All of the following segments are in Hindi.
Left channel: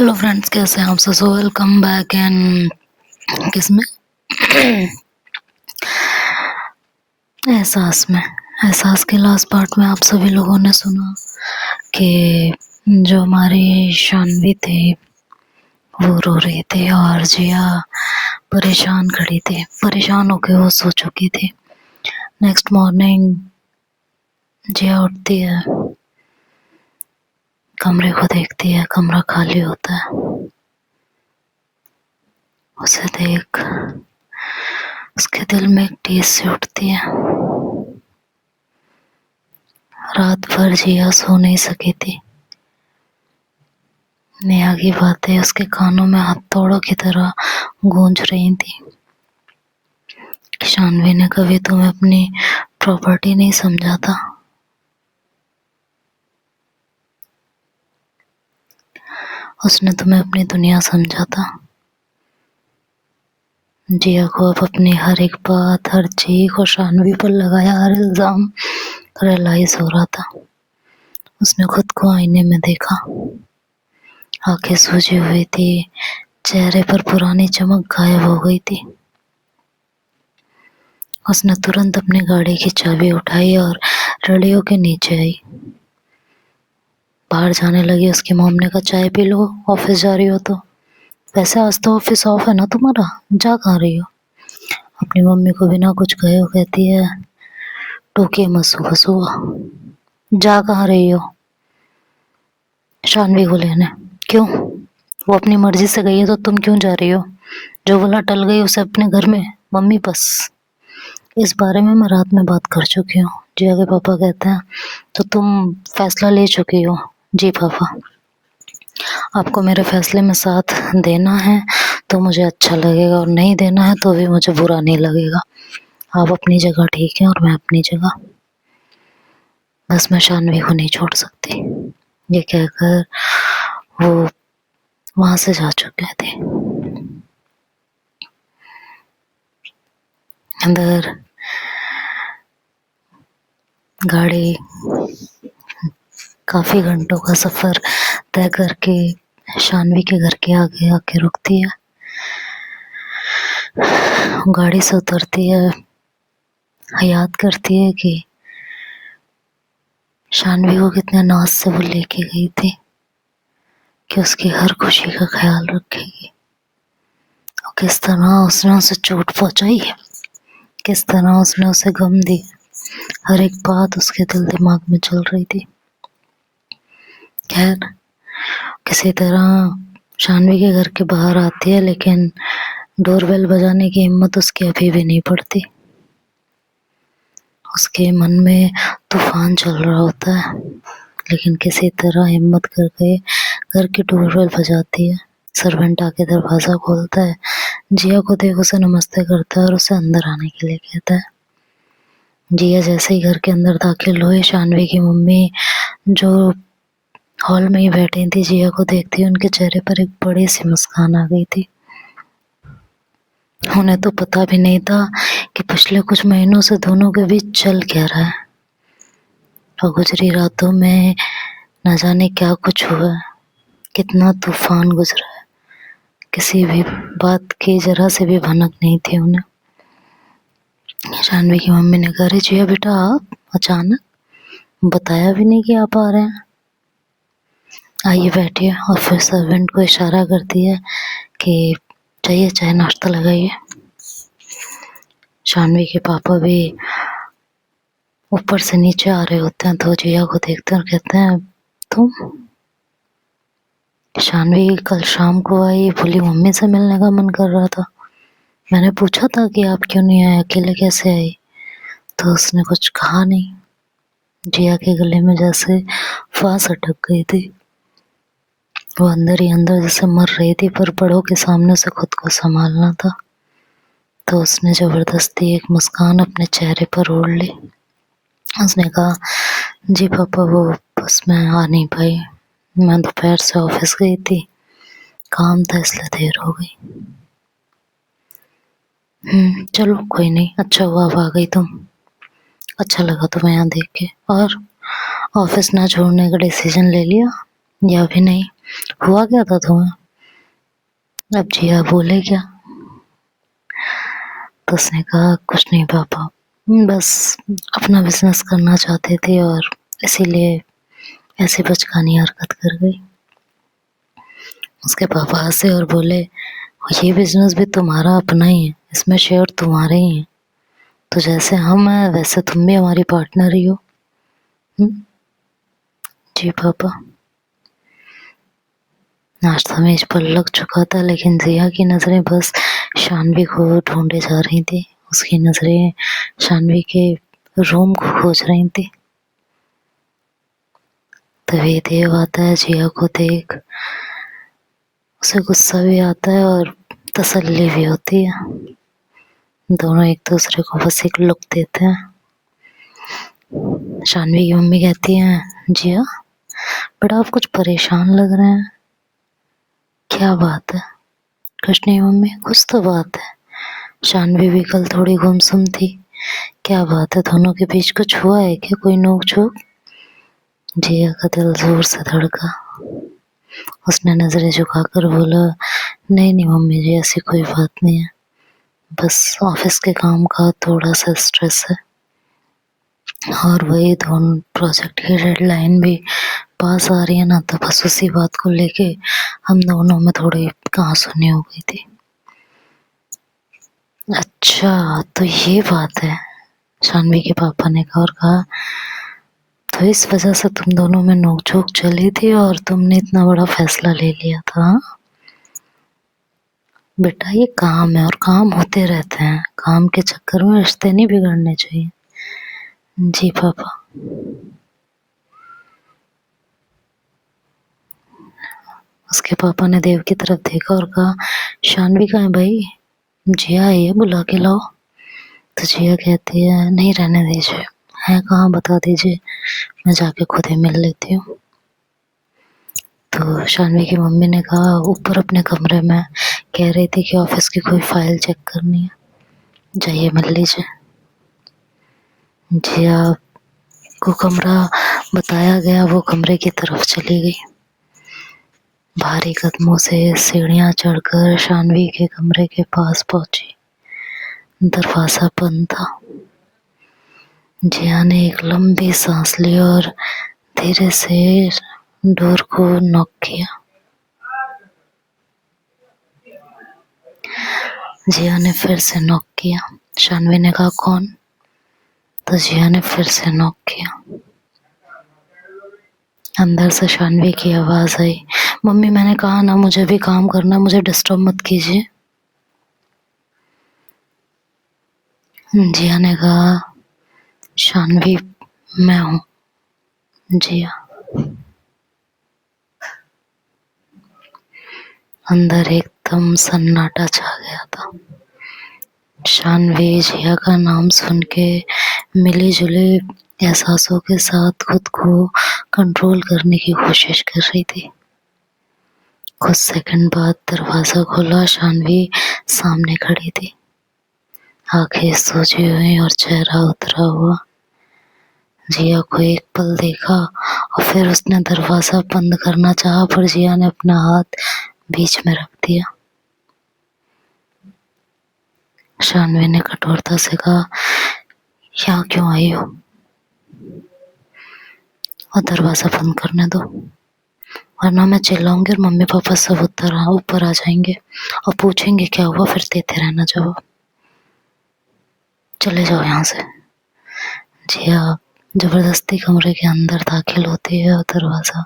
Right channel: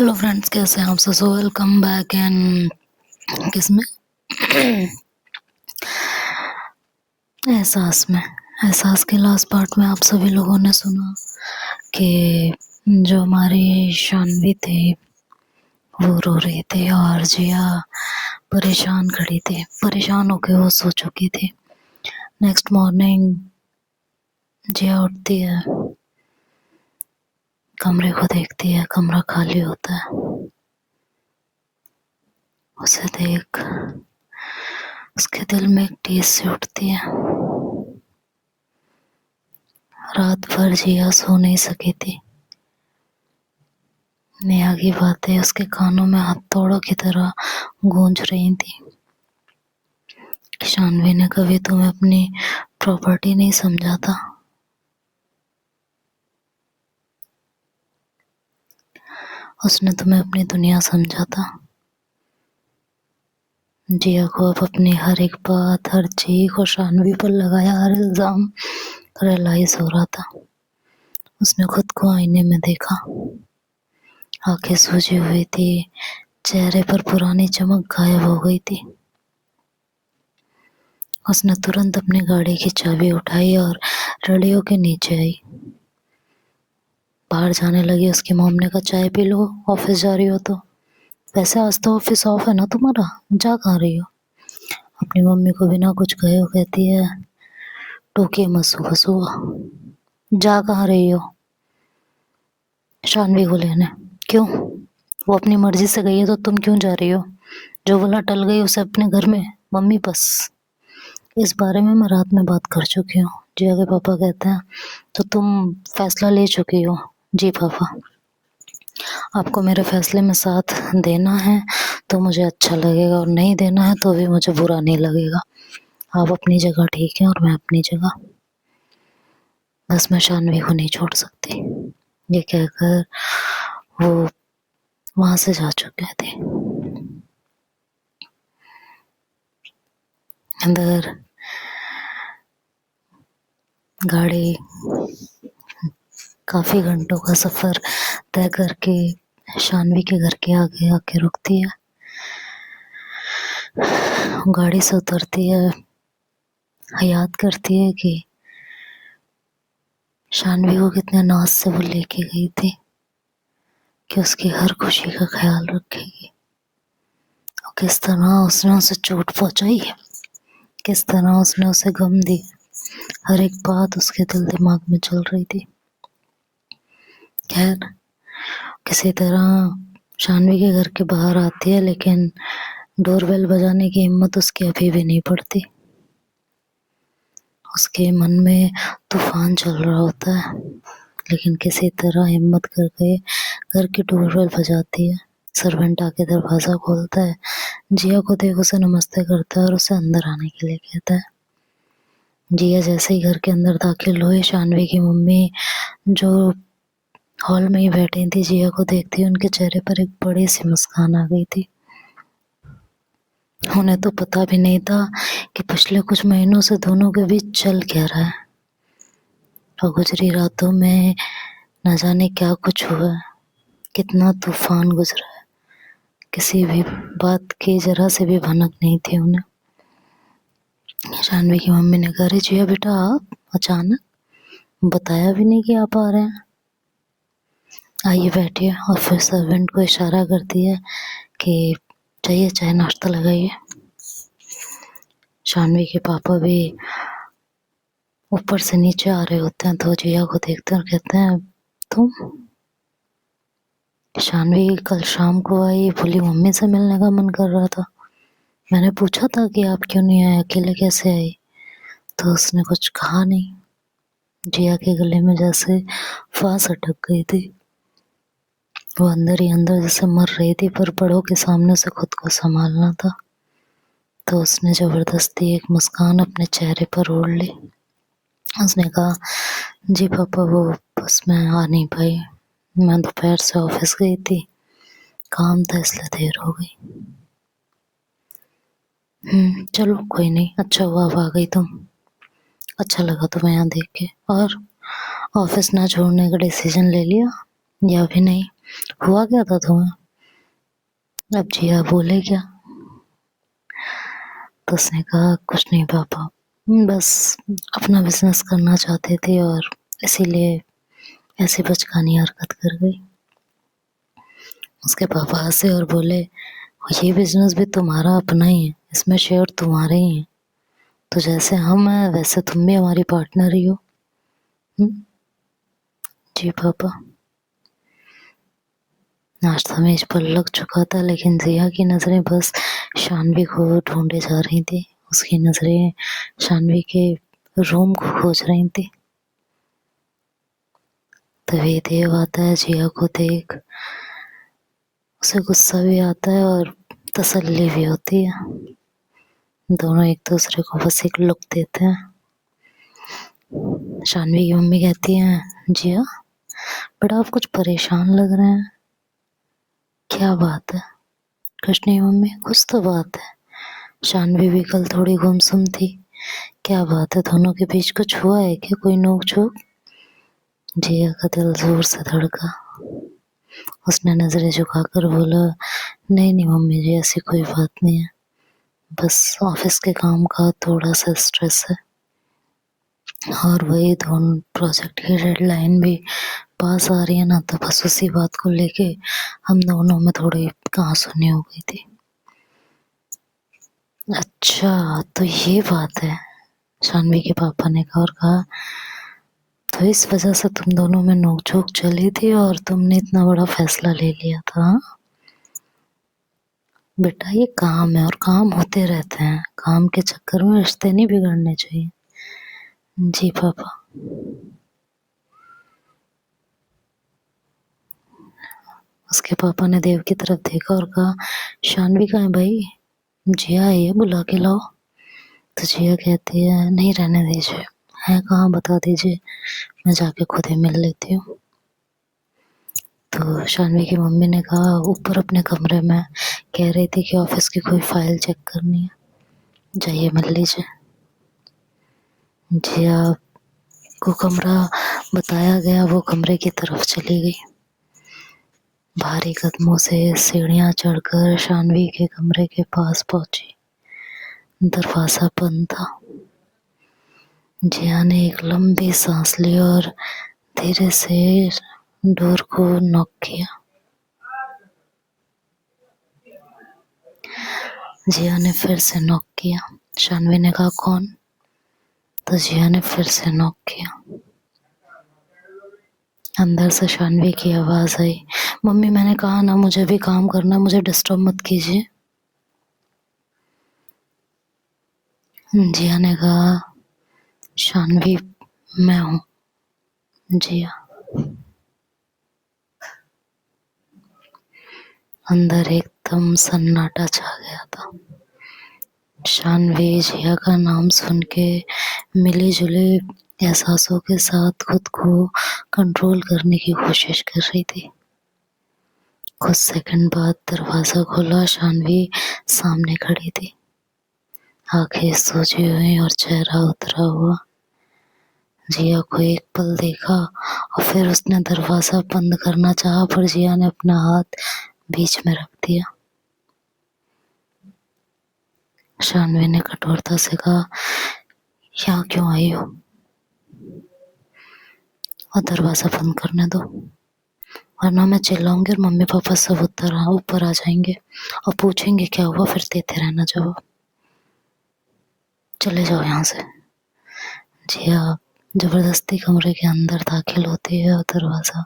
हेलो फ्रेंड्स, कैसे हैं आप सब? वेलकम बैक एंड किसमें एहसास के लास्ट पार्ट में आप सभी लोगों ने सुना कि जो हमारी शानवी थी वो रो रही थी और जिया परेशान खड़ी थी। परेशान होकर वो सो चुकी थी। नेक्स्ट मॉर्निंग जिया उठती है, कमरे को देखती है, कमरा खाली होता है। उसे देख उसके दिल में एक टीस सी उठती है। रात भर जिया सो नहीं सकी थी। नेहा की बातें उसके कानों में हथौड़ों की तरह गूंज रही थी। शानवी ने कभी तुम्हें अपनी प्रॉपर्टी नहीं समझा था। उसने तुम्हें अपनी दुनिया समझा था। जिया को अब अपनी हर एक बात, हर चीख और शानवी पर लगाया हर इल्जाम रियलाइज हो रहा था। उसने खुद को आईने में देखा। आंखें सूजी हुई थी, चेहरे पर पुरानी चमक गायब हो गई थी। उसने तुरंत अपनी गाड़ी की चाबी उठाई और रेडियो के नीचे आई। बाहर जाने लगी। उसकी मॉम ने कहा, चाय पी लो, ऑफिस जा रही हो तो। वैसे आज तो ऑफिस ऑफ है ना तुम्हारा, जा कहाँ रही हो? अपनी मम्मी को बिना कुछ कहे वो कहती है, टोके मत सुबह सुबह, जा कहाँ रही हो? शानवी को लेने। क्यों? वो अपनी मर्जी से गई है तो तुम क्यों जा रही हो? जो बोला टल गई उसे अपने घर में। मम्मी बस, इस बारे में मैं रात में बात कर चुकी हूँ। जिया के पापा कहते हैं तो तुम फैसला ले चुकी हो? जी पापा। आपको मेरे फैसले में साथ देना है तो मुझे अच्छा लगेगा और नहीं देना है तो भी मुझे बुरा नहीं लगेगा। आप अपनी जगह ठीक है और मैं अपनी जगह। बस मैं शानवी को नहीं छोड़ सकती। ये कहकर वो वहां से जा चुके थे। अंदर गाड़ी काफी घंटों का सफर तय करके शानवी के घर के आगे आके रुकती है। गाड़ी से उतरती है, याद करती है कि शानवी को कितने नाज से वो लेके गई थी कि उसकी हर खुशी का ख्याल रखेगी। और किस तरह उसने उसे चोट पहुंचाई है, किस तरह उसने उसे गम दी। हर एक बात उसके दिल दिमाग में चल रही थी। खैर, किसी तरह शानवी के घर के बाहर आती है, लेकिन डोरबेल बजाने की हिम्मत उसकी अभी भी नहीं पड़ती। उसके मन में तूफान चल रहा होता है, लेकिन किसी तरह हिम्मत करके घर की डोरबेल बजाती है। सर्वेंट आके दरवाज़ा खोलता है। जिया को देख उसे नमस्ते करता है और उसे अंदर आने के लिए कहता है। जिया जैसे ही घर के अंदर दाखिल हुई, शानवी की मम्मी जो हॉल में ही बैठी थी, जिया को देखती उनके चेहरे पर एक बड़ी सी मुस्कान आ गई थी। उन्हें तो पता भी नहीं था कि पिछले कुछ महीनों से दोनों के बीच चल क्या रहा है। और गुजरी रातों में न जाने क्या कुछ हुआ है, कितना तूफान गुजरा है। किसी भी बात की जरा से भी भनक नहीं थी उन्हें। शानवी की मम्मी ने कहा, अरे जिया बेटा, आप अचानक, बताया भी नहीं कि आप आ रहे हैं। आइए बैठिए। और फिर सर्वेंट को इशारा करती है कि चाहिए चाय नाश्ता लगाइए। शानवी के पापा भी ऊपर से नीचे आ रहे होते हैं तो जिया को देखते हैं और कहते हैं, तुम? शानवी कल शाम को आई, बोली मम्मी से मिलने का मन कर रहा था। मैंने पूछा था कि आप क्यों नहीं आए, अकेले कैसे आई, तो उसने कुछ कहा नहीं। जिया के गले में जैसे फांस अटक गई थी। वो अंदर ही अंदर जैसे मर रही थी, पर बड़ों के सामने से खुद को संभालना था। तो उसने जबरदस्ती एक मुस्कान अपने चेहरे पर ओढ़ ली। उसने कहा, जी पापा, वो बस मैं आ नहीं पाई, मैं दोपहर से ऑफिस गई थी, काम था इसलिए देर हो गई। चलो कोई नहीं, अच्छा हुआ अब आ गई तुम। अच्छा लगा तुम्हें यहाँ देख के। और ऑफिस ना छोड़ने का डिसीजन ले लिया या भी नहीं? हुआ क्या था तुम्हें? अब जिया बोले क्या? तो उसने कहा कुछ नहीं पापा, बस अपना बिजनेस करना चाहते थे और इसीलिए ऐसी बचकानी हरकत कर गई। उसके पापा हंसे और बोले ये बिजनेस भी तुम्हारा अपना ही है, इसमें शेयर तुम्हारे ही हैं, तो जैसे हम हैं वैसे तुम भी हमारी पार्टनर ही हो। जी पापा। नाश्ता मेज पर लग चुका था लेकिन जिया की नज़रें बस शानवी को ढूंढे जा रही थी। उसकी नज़रें शानवी के रूम को खोज रही थी। तभी देव आता है जिया को देख। उसे गुस्सा भी आता है और तसल्ली भी होती है। दोनों एक दूसरे को बस एक लुक देते हैं। शानवी की मम्मी कहती है जिया बड़ा आप कुछ परेशान लग रहे हैं, क्या बात है? कुछ नहीं मम्मी, कुछ तो बात है। शानवी भी कल थोड़ी गुमसुम थी। क्या बात है, दोनों के बीच कुछ हुआ है क्या, कोई नोक झोंक? जिया का दिल जोर से धड़का। उसने नजरें झुकाकर बोला नहीं नहीं मम्मी जी, ऐसी कोई बात नहीं है, बस ऑफिस के काम का थोड़ा सा स्ट्रेस है और वही दोनों प्रोजेक्ट की डेडलाइन भी पास आ रही है ना, तो बस उसी बात को लेके हम दोनों में थोड़ी कहासुनी हो गई थी। अच्छा तो ये बात है, शानवी के पापा ने कहा और कहा तो इस वजह से तुम दोनों में नोकझोंक चली थी और तुमने इतना बड़ा फैसला ले लिया था? बेटा ये काम है और काम होते रहते हैं, काम के चक्कर में रिश्ते नहीं बिगड़ने चाहिए। जी पापा। उसके पापा ने देव की तरफ देखा और कहा शानवी कहाँ है भाई, जिया आई है, बुला के लाओ। तो जिया कहती है नहीं रहने दीजिए, है कहाँ बता दीजिए, मैं जाके खुद ही मिल लेती हूँ। तो शानवी की मम्मी ने कहा ऊपर अपने कमरे में, कह रही थी कि ऑफिस की कोई फाइल चेक करनी है, जाइए मिल लीजिए। जिया को कमरा बताया गया, वो कमरे की तरफ चली गई। भारी कदमों से सीढ़ियां चढ़कर शानवी के कमरे के पास पहुंची। दरवाजा बंद था। जिया ने एक लंबी सांस ली और धीरे से डोर को नॉक किया। जिया ने फिर से नॉक किया। शानवी ने कहा कौन? तो जिया ने फिर से नॉक किया। अंदर से शानवी की आवाज आई मम्मी मैंने कहा ना मुझे भी काम करना, मुझे डिस्टर्ब मत कीजिए। जिया ने कहा शानवी मैं हूँ। जिया। अंदर एकदम सन्नाटा छा गया था। शानवी जिया का नाम सुन के मिली जुली एहसासों के साथ खुद को कंट्रोल करने की कोशिश कर रही थी। कुछ सेकंड बाद दरवाजा खुला। शानवी सामने खड़ी थी, आंखें सोजी हुई और चेहरा उतरा हुआ। जिया को एक पल देखा और फिर उसने दरवाजा बंद करना चाहा, पर जिया ने अपना हाथ बीच में रख दिया। शानवी ने कठोरता से कहा यहाँ क्यों आई हो, और दरवाजा बंद करने दो वरना मैं चिल्लाऊंगी और मम्मी पापा सब ऊपर आ जाएंगे और पूछेंगे क्या हुआ, फिर देते रहना जवाब। चले जाओ यहाँ से। जिया जबरदस्ती कमरे के अंदर दाखिल होती है और दरवाजा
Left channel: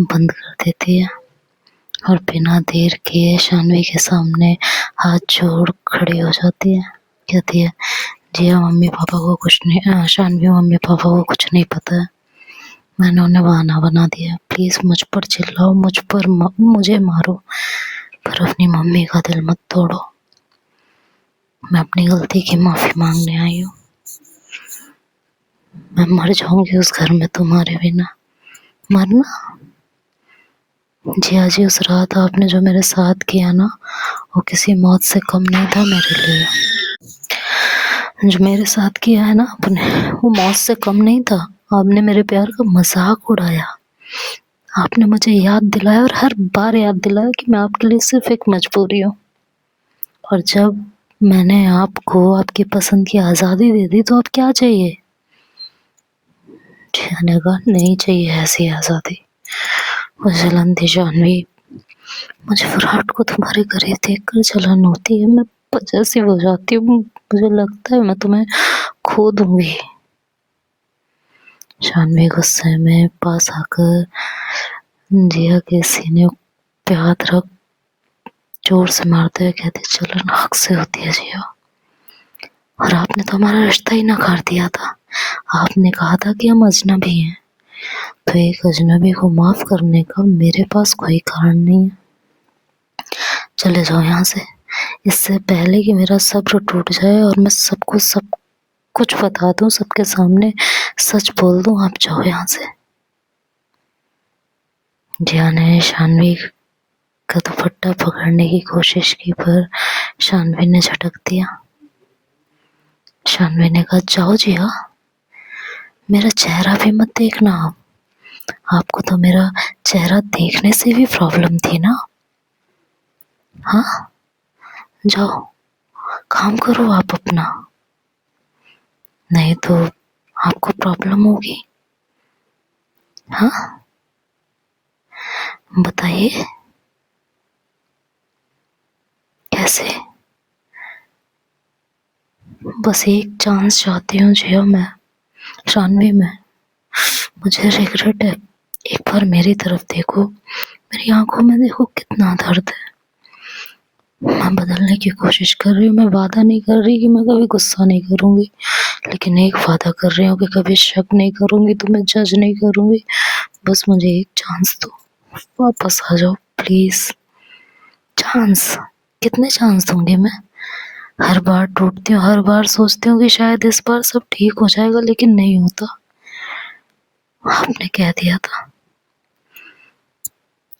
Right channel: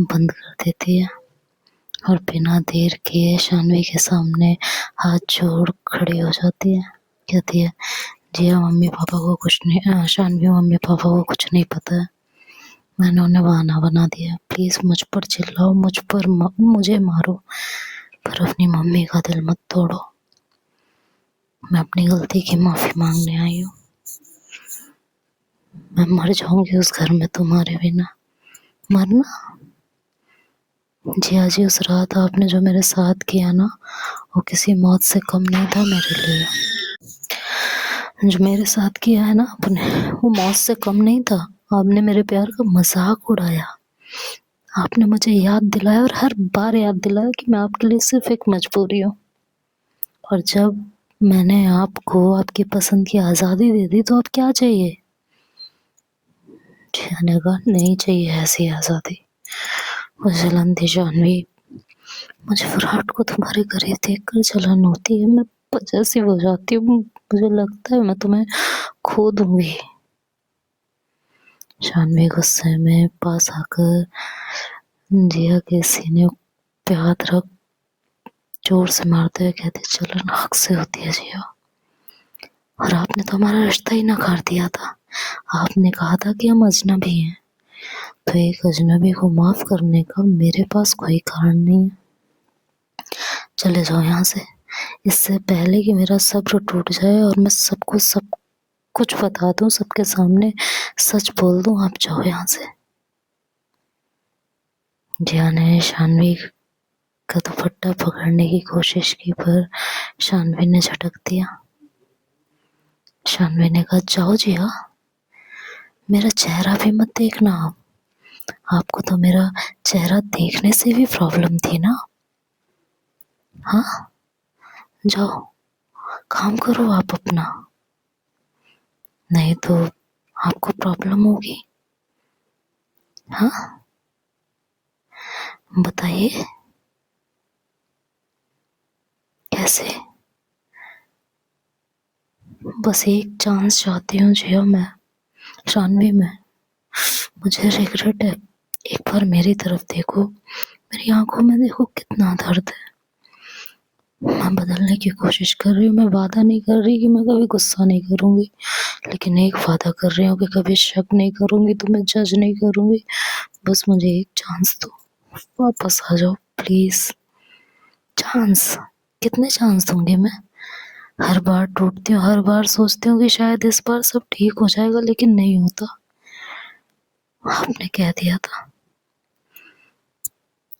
बंद कर देती है और बिना देर किए शानवी के सामने हाथ जोड़ खड़ी हो जाती है। कहती है जिया मम्मी पापा को कुछ नहीं, शानवी मम्मी पापा को कुछ नहीं पता है, मैंने उन्हें बहाना बना दिया, प्लीज मुझ पर चिल्लाओ, मुझे मारो, पर अपनी मम्मी का दिल मत तोड़ो। मैं अपनी गलती की माफी मांगने आई हूँ। मैं मर जाऊंगी उस घर में तुम्हारे बिना। मरना? जिया जी उस रात आपने जो मेरे साथ किया ना, वो किसी मौत से कम नहीं था मेरे लिए। जो मेरे साथ किया है ना आपने, वो मौत से कम नहीं था। आपने मेरे प्यार का मजाक उड़ाया, आपने मुझे याद दिलाया और हर बार याद दिलाया कि मैं आपके लिए सिर्फ एक मजबूरी हूँ। और जब मैंने आपको आपकी पसंद की आज़ादी दे दी तो अब क्या चाहिए? मैंने कहा नहीं चाहिए ऐसी आज़ादी। वो जलन थी जानवी, मुझे विराट को तुम्हारे करीब देखकर जलन होती है, मैं पजेसिव हो जाती हूँ, मुझे लगता है मैं तुम्हें खो दूंगी। जानवी गुस्से में पास आकर जिया के सीने पे हाथ रख जोर से मारते हुए कहते, जलन हक से होती है जिया, और आपने तो हमारा रिश्ता ही नकार दिया था। आपने कहा था कि हम अजनबी हैं, तो एक अजनबी को माफ करने का मेरे पास कोई कारण नहीं है। चले जाओ यहाँ से, इससे पहले कि मेरा सब्र टूट जाए और मैं सबको सब कुछ बता दूं, सबके सामने सच बोल दूं। आप जाओ यहाँ से। जिया ने शानवी का दुपट्टा पकड़ने की कोशिश की, पर शानवी ने झटक दिया। शानवी ने कहा, जाओ जिया, मेरा चेहरा भी मत देखना आप। आपको तो मेरा चेहरा देखने से भी प्रॉब्लम थी ना? हाँ, जाओ काम करो आप अपना, नहीं तो आपको प्रॉब्लम होगी। हाँ बताइए कैसे? बस एक चांस चाहती हूँ जिया, मैं शानवी में, मुझे रिग्रेट है। एक बार मेरी तरफ देखो, मेरी आंखों में देखो कितना दर्द है। मैं बदलने की कोशिश कर रही हूँ, मैं वादा नहीं कर रही कि मैं कभी गुस्सा नहीं करूँगी, लेकिन एक वादा कर रही हूँ कि कभी शक नहीं करूँगी, तुम्हें जज नहीं करूँगी। बस मुझे एक चांस दो, वापस आ जाओ प्लीज़। चांस? कितने चांस दूंगी मैं? हर बार टूटती हूँ, हर बार सोचती हूँ कि शायद इस बार सब ठीक हो जाएगा, लेकिन नहीं होता। आपने कह दिया था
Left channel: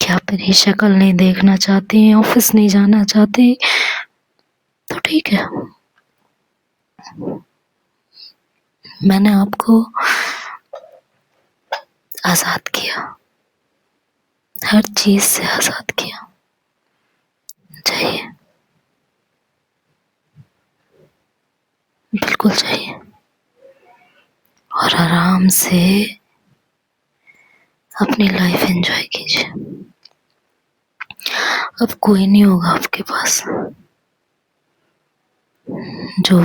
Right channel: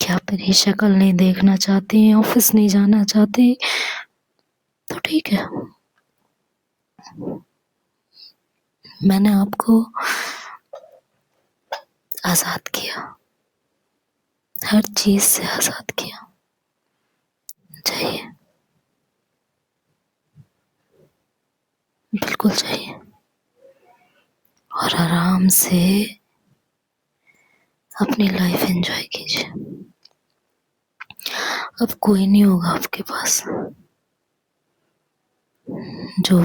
कि आप मेरी शक्ल नहीं देखना चाहती, ऑफिस नहीं जाना चाहती, तो ठीक है, मैंने आपको आज़ाद किया, हर चीज़ से आज़ाद किया। चाहिए, बिल्कुल चाहिए, और आराम से अपनी लाइफ एंजॉय कीजिए। अब कोई नहीं होगा आपके पास जो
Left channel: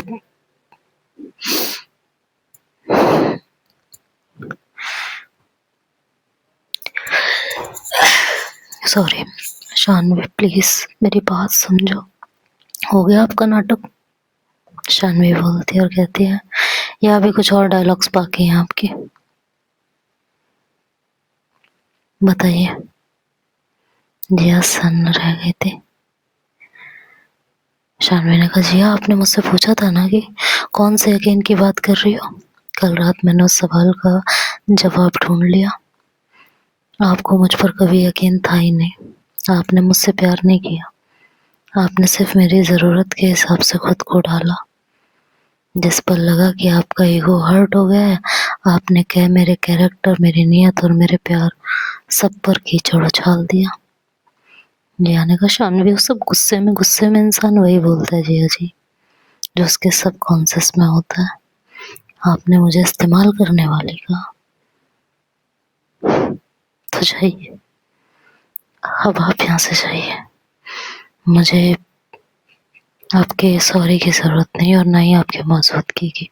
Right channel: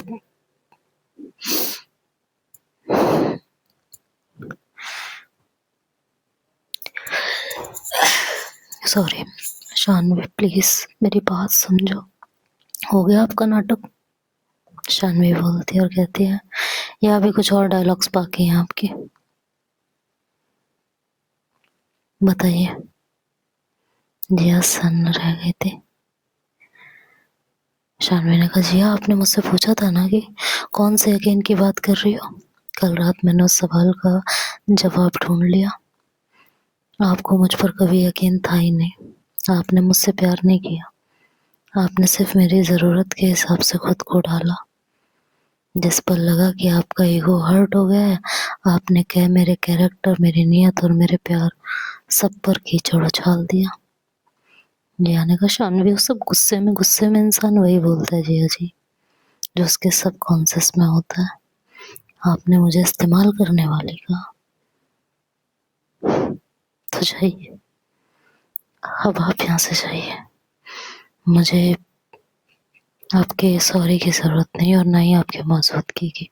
सॉरी शानवी, प्लीज मेरी बात समझो, हो गया आपका नाटक? शानवी बोलती है और कहती है, यहाँ भी कुछ और डायलॉग्स बाकी हैं आपके, बताइए। जिया सन्न रह गए थे। शानवी ने कहा, जिया आपने मुझसे पूछा था ना कि कौन से यकीन की बात कर रही हो? कल रात मैंने उस सवाल का जवाब ढूंढ लिया। आपको मुझ पर कभी यकीन था ही नहीं, आपने मुझसे प्यार नहीं किया, आपने सिर्फ मेरी ज़रूरत के हिसाब से खुद को ढाला। जिस पर लगा कि आपका ईगो हर्ट हो गया है, आपने कह मेरे कैरेक्टर, मेरी नीयत और मेरे प्यार सब पर कीचड़ उछाल दिया। जिया ने कहा, शानवी वो सब गुस्से में इंसान वही बोलता है जिया जी, जो उसके सबकॉन्शियस में होता है। आपने मुझे इस्तेमाल करने वाली कहा, तो जाइए, अब आप यहाँ से जाइए, मुझे आपके सॉरी की ज़रूरत नहीं और ना ही आपके मौजूदगी की।